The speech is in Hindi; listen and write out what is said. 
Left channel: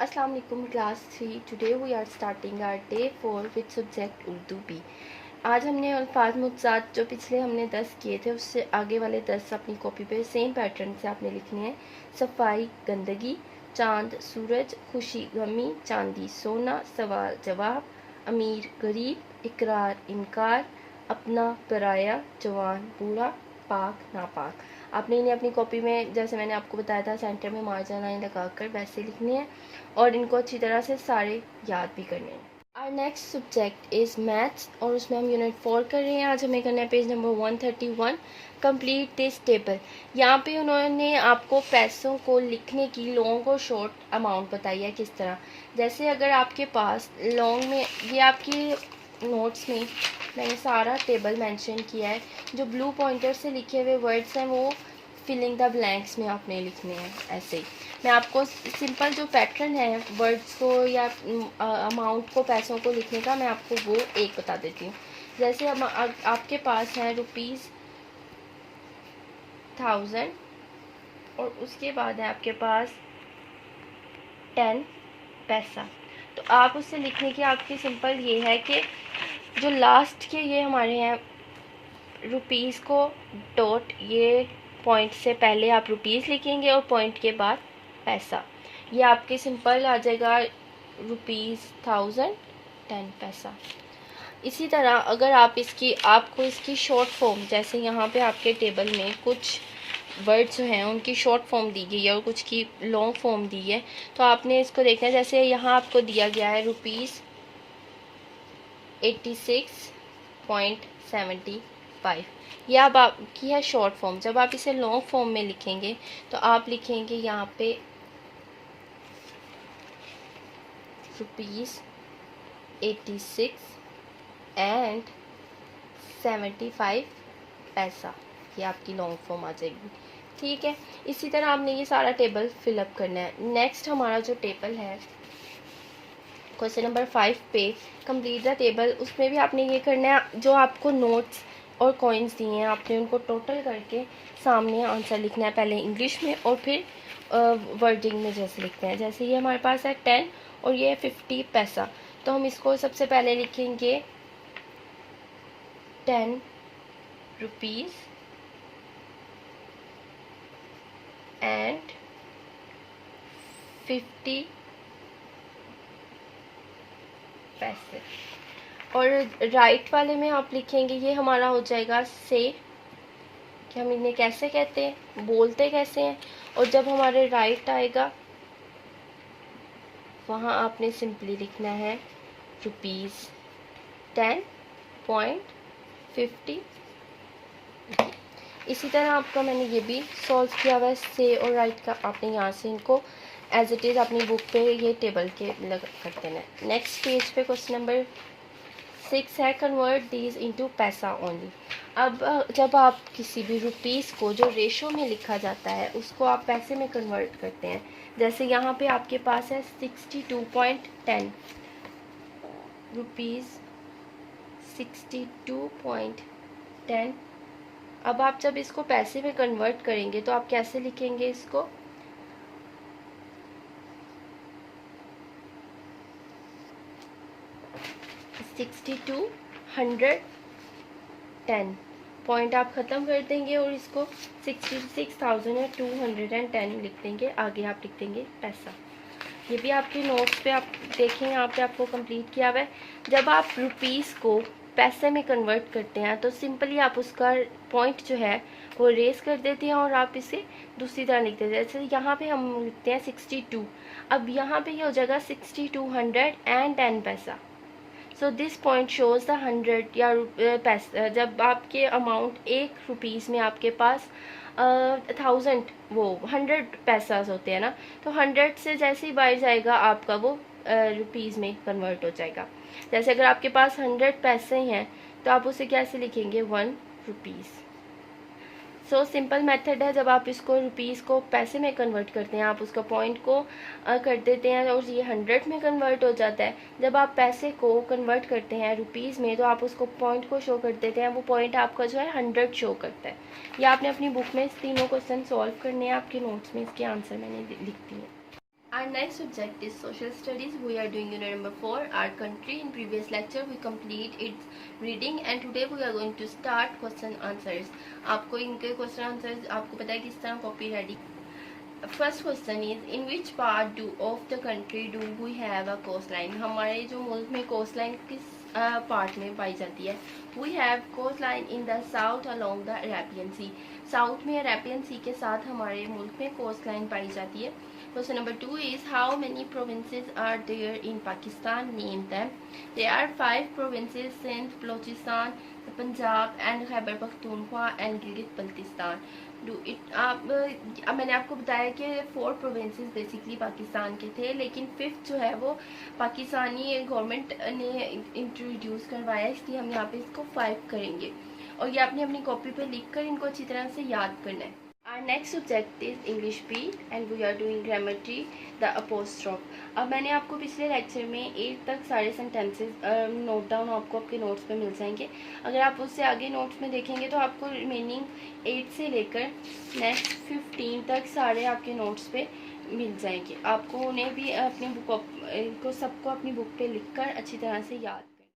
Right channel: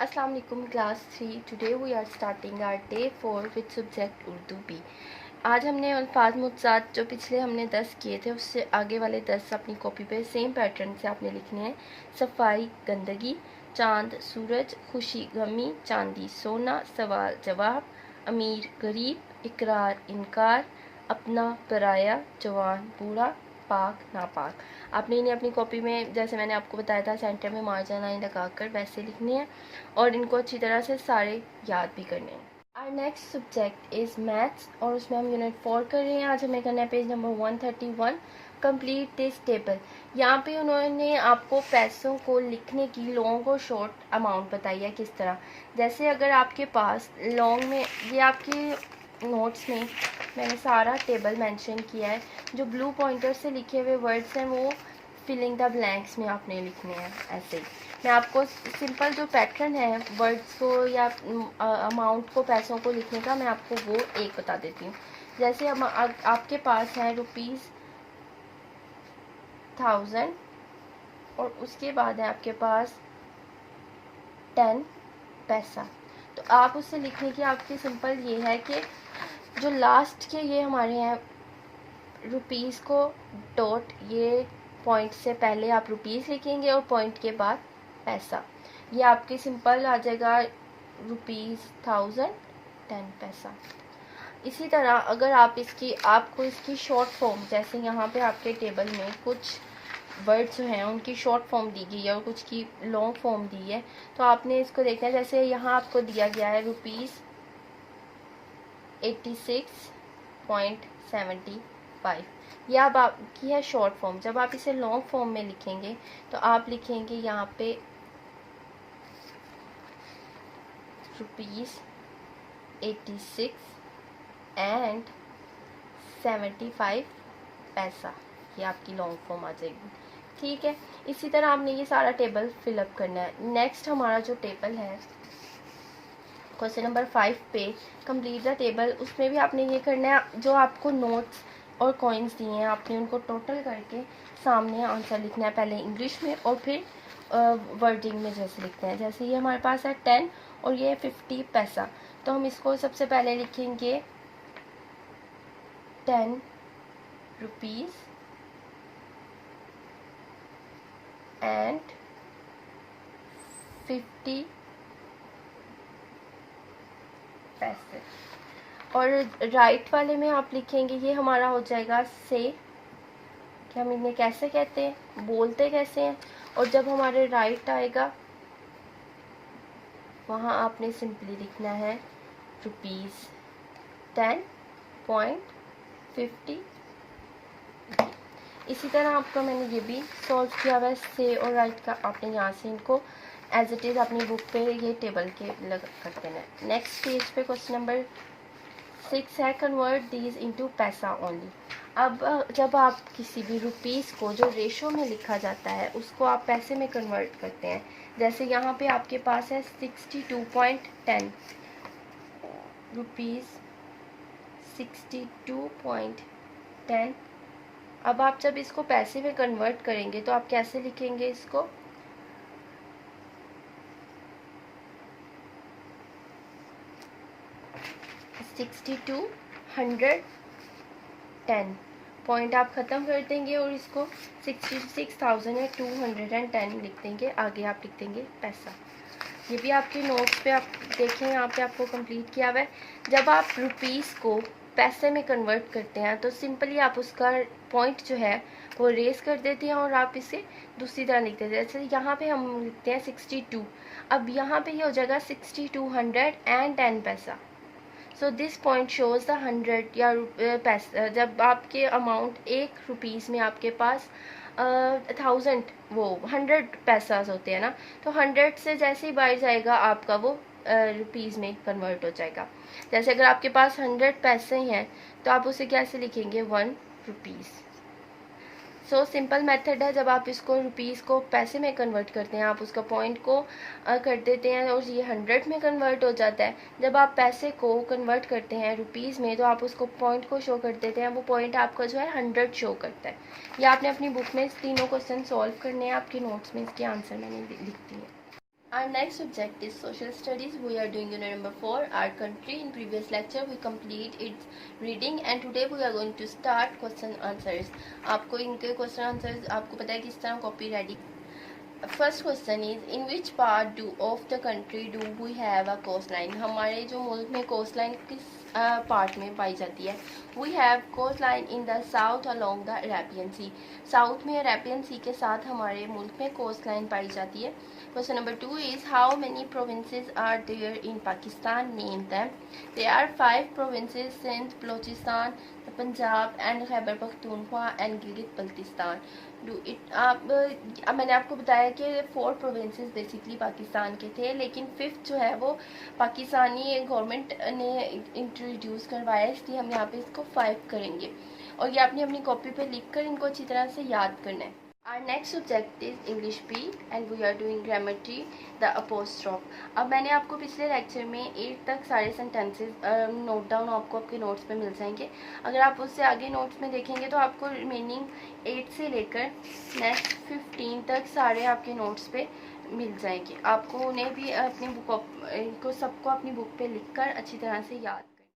अस्सलाम वालेकुम class 3। Today we are starting our day 4 with subject Urdu B. आज हमने अल्फाज मुतज़ाद जो पिछले हमने 10 किए थे उससे आगे वाले 10 अपनी कॉपी पे सेम पैटर्न से आपने लिखने हैं। सफाई गंदगी, चांद सूरज, खुशी गमी, चांदी सोना, सवाल जवाब, अमीर गरीब, इकरार इनकार, अपना पराया, जवान बूढ़ा, पाक नापाक। आपने इन्हें अपनी कॉपी में जैसे मैंने आपको बताया था सेंटर में मार्जिन लाइन लगाकर वैसे लिखनी है और इनको अच्छी तरह से सारे याद भी करने हैं। Our next subject is maths और उसमें हम यूनिट 4 कर रहे हैं। आज हमें करना है page number 131, complete this table. यहाँ पे उन्होंने आपको पैसों को लिखने की लॉन्ग और शॉर्ट अमाउंट बताई है किस तरह। जैसे अगर आपके पास लॉन्ग में ये आपकी नोट्स में मैंने सारा टेबल मेंशन किया है। जो ब्लू पॉइंटर से लिखे हुए वर्ड्स हैं वो फिलिंग द ब्लैंक्स में आपने लिखने हैं। ऐसे ही मैं आपको सिंपल जो पैटर्न है वर्ड्स को या अमाउंट को पैसों को लिखने का मैं आपको वो एक बता देती हूँ। जैसे आपके पास है ₹1000 और उसके बाद है आपके पास 10 पैसा। तो आप उससे लिखने की आपकी सिंपल ये है कि जो लास्ट के ये हमारे हैं रुपीज़ को डॉट ये पॉइंट से पहले आप रुपीज़ लिखेंगे और पॉइंट के बाद पैसा। ये आपके सिंपल आ जाएगा ₹1000 10 पैसा। इसी तरह अगर आप आपको इसकी शॉर्ट फॉर्म जैसे यहाँ पे आपके टेबल में कुछ वर्ड्स जो हैं उनकी शॉर्ट फॉर्म दी गई है और कुछ की लॉन्ग फॉर्म दी है तो आपने इसको देखना है। जैसे यहाँ आपको दिया गया है ₹86.75। ये अब आपकी है शॉर्ट फॉर्म। जब आप इसे लॉन्ग फॉर्म में लिखेंगे तो आप लिखेंगे यहाँ पे ₹86.75 पैसा। ये आपकी लॉन्ग फॉर्म आ जाएगी। ठीक है, इसी तरह आपने ये सारा टेबल फिलअप करना है। नेक्स्ट हमारा जो टेबल है क्वेश्चन नंबर 5 पे कंप्लीट द टेबल, उसमें भी आपने ये करना है जो आपको नोट्स और कॉइन्स दिए हैं आपने उनको टोटल करके सामने आंसर लिखना है, पहले इंग्लिश में और फिर वर्डिंग में जैसे लिखते हैं। जैसे ये हमारे पास है 10 और ये है 50 पैसा। तो हम इसको सबसे पहले लिखेंगे 10 रुपीज़ एंड 50 पैसे। और राइट वाले में आप लिखेंगे ये हमारा हो जाएगा से कि हम इन्हें कैसे कहते हैं, बोलते कैसे हैं। और जब हमारे राइट आएगा वहाँ आपने सिंपली लिखना है ₹10.50। इसी तरह आपका मैंने ये भी सॉल्व किया हुआ है से और राइट का। आपने यहाँ से इनको एज इट इज़ अपनी बुक पे ये टेबल के लग कर देना है। नेक्स्ट पेज पे क्वेश्चन नंबर 6 है कन्वर्ट दीज इनटू पैसा ओनली। अब जब आप किसी भी रुपीज़ को जो रेशो में लिखा जाता है उसको आप पैसे में कन्वर्ट करते हैं। जैसे यहाँ पे आपके पास है 62.10 रुपीज़ 62.10। अब आप जब इसको पैसे में कन्वर्ट करेंगे तो आप कैसे लिखेंगे इसको 6210 पॉइंट आप ख़त्म कर देंगे और इसको 66,210 लिख देंगे। आगे आप लिख देंगे पैसा। ये भी आपके नोट्स पे आप देखें यहाँ पे आपको कंप्लीट किया हुआ है। जब आप रुपीज़ को पैसे में कन्वर्ट करते हैं तो सिंपली आप उसका पॉइंट जो है वो रेस कर देते हैं और आप इसे दूसरी तरह लिखते हैं। जैसे यहाँ पे हम लिखते हैं 62, अब यहाँ पे ये हो जाएगा 6210 पैसा। So this point shows the 100 या पैसा। जब आपके अमाउंट ₹1 में आपके पास 1000 वो 100 पैसा होते हैं ना, तो 100 से जैसे ही बाहर जाएगा आपका वो रुपीज़ में कन्वर्ट हो जाएगा। जैसे अगर आपके पास 100 पैसे हैं तो आप उसे कैसे लिखेंगे 1 रुपीज़। सो सिंपल मेथड है। जब आप इसको रुपीज़ को पैसे में कन्वर्ट करते हैं आप उसका पॉइंट को कर देते हैं और ये 100 में कन्वर्ट हो जाता है। जब आप पैसे को कन्वर्ट करते हैं रुपीज़ में तो आप उसको पॉइंट को शो कर देते हैं, वो पॉइंट आपका जो है 100 शो करता है। ये आपने अपनी बुक में तीनों क्वेश्चन सॉल्व करने हैं। आपके नोट्स में इसके आंसर मैंने लिख दिए हैं। Our next subject is social studies. We are doing unit number 4, our country. In previous lecture we complete its reading and today we are going to start question answers. आपको इनके question answers आपको पता है किस तरह copy ready. First question is in which part of the country do we have a coastline? हमारे जो मुल्क में coastline किस पार्ट में पाई जाती है? We have coastline in the south along the Arabian Sea. South में अरेबियन सी के साथ हमारे मुल्क में कोस्टलाइन पाई जाती है. Question number 2 is how many provinces are there in Pakistan? Name them. There are 5 provinces: Sindh, Balochistan, Punjab and Khyber Pakhtunkhwa and Gilgit-Baltistan. अब मैंने आपको बताया कि 4 प्रोविंसेस बेसिकली पाकिस्तान के थे, लेकिन 5th जो है वो पाकिस्तानी गवर्नमेंट ने इंट्रोड्यूस करवाया, इसलिए हम यहाँ पे इसको 5 करेंगे और ये आपने अपनी कॉपी पे लिख कर इनको अच्छी तरह से याद करना है. Our next subject is English B and we are doing grammar T, the apostrophe. अब मैंने आपको पिछले लेक्चर में 8 तक सारे सेंटेंसेस नोट डाउन आपको आपके नोट्स पे मिल जाएंगे. अगर आप उससे आगे नोट्स में देखेंगे तो आपको रिमेनिंग 8 से लेकर नेक्स्ट 15 तक सारे आपके नोट्स पे मिल जाएंगे. आपको उन्हें भी अपनी बुक को सबको अपनी बुक पे लिखकर अच्छी तरह से याद